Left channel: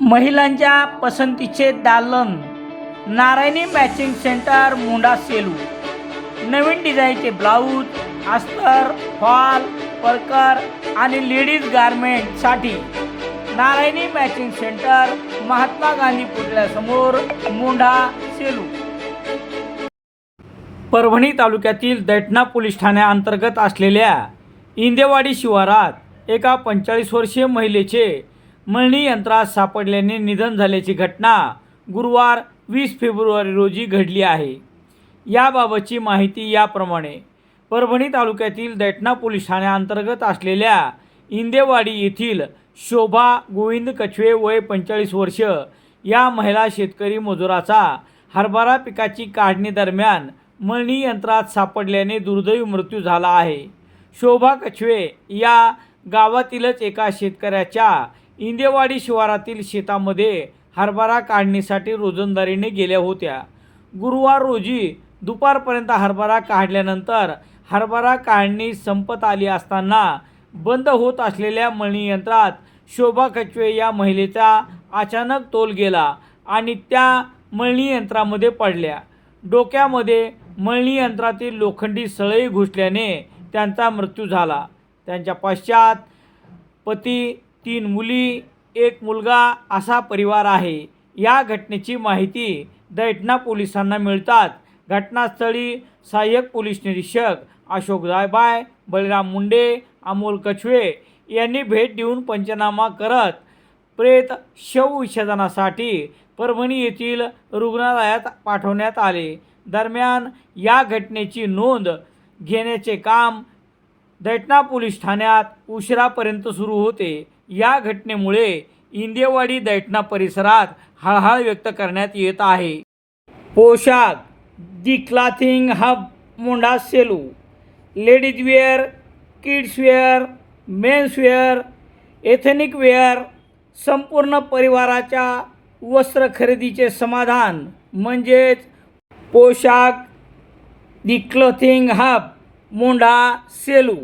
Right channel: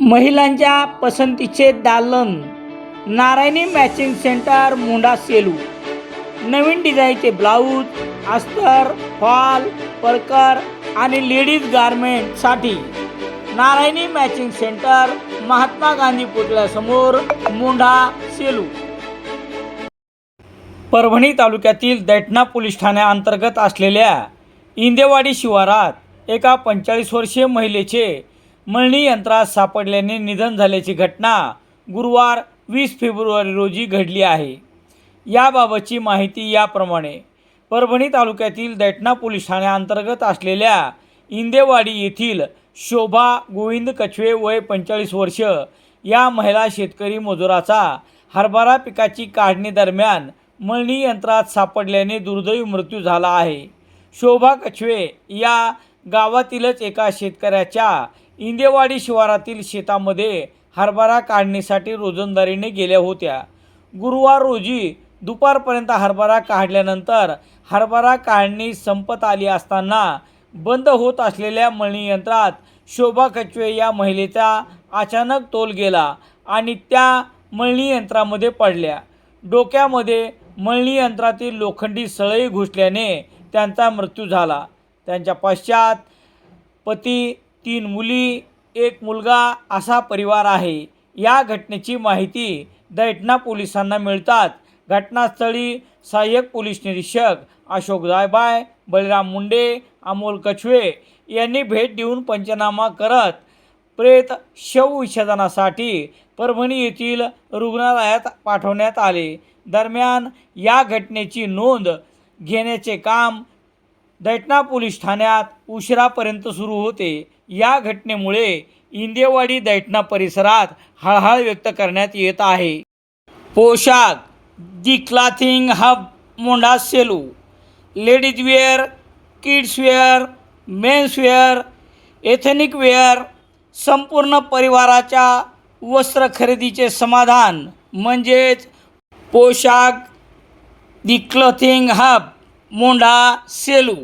महिलांच्या पसंतीचे दालन नारायणी मॅचिंग सेंटर मुंडा सेलू. नवीन डिझाईनचे ब्लाऊज अस्तर फॉल परकर आणि लेडीज गारमेंटसाठी नारायणी मॅचिंग सेंटर महात्मा गांधी पुतळ्यासमोर मुंढा सेलू. परभणी तालुक्यातील दैठणा पोलीस ठाण्याअंतर्गत असलेल्या इंदेवाडी शिवारात एका पंचेचाळीस वर्षीय महिलेचे मळणी यंत्रात सापडल्याने निधन झाल्याची घटना गुरुवार वीस फेब्रुवारी रोजी घडली आहे. याबाबतची माहिती याप्रमाणे. परभणी तालुक्यातील दैठणा पोलीस ठाण्याअंतर्गत असलेल्या इंदेवाडी येथील शोभा गोविंद कछवे वय पंचेचाळीस वर्ष या महिला शेतकरी मजुराचा हरभरा पिकाची काढणी दरम्यान मळणी यंत्रात सापडल्याने दुर्दैवी मृत्यू झाला आहे. शोभा कछवे या गावातीलच एका शेतकऱ्याच्या इंदेवाडी शिवारातील शेतामध्ये हरभरा काढणीसाठी रोजंदारीने गेल्या होत्या. गुरुवार रोजी दुपारपर्यंत हरभरा काढल्यानंतर हरभरा काढणी संपत आली असताना बंद होत असलेल्या मळणीयंत्रात शोभा कचवे या महिलेचा अचानक तोल गेला आणि त्या मळणी यंत्रामध्ये पडल्या. डोक्यामध्ये मळणी यंत्रातील लोखंडी सळई घुसल्याने त्यांचा मृत्यू झाला. त्यांच्या पश्चात पती तीन मुली एक मुलगा असा परिवार आहे. या घटनेची माहिती दैठणा पोलिसांना मिळतात. घटनास्थळी सहाय्यक पोलीस निरीक्षक अशोक जायबाय बळीराम मुंडे अमोल कछवे यांनी भेट देऊन पंचनामा करत प्रेत शवविच्छेदनासाठी परभणी येथील रुग्णालयात पाठवण्यात आले. दरम्यान या घटनेची नोंद घेण्याचे काम दैटणा पोलीस ठाण्यात उशिरापर्यंत सुरू होते. या घटनेमुळे इंदेवाडी दैटणा परिसरात हळहळ व्यक्त करण्यात येत आहे. Poshak the clothing hub Monda Selu ladies wear kids wear men's wear ethnic wear संपूर्ण परिवाराच्या वस्त्र खरेदीचे समाधान म्हणजेच पोशाख दी क्लथिंग हब मोंढा सेलू.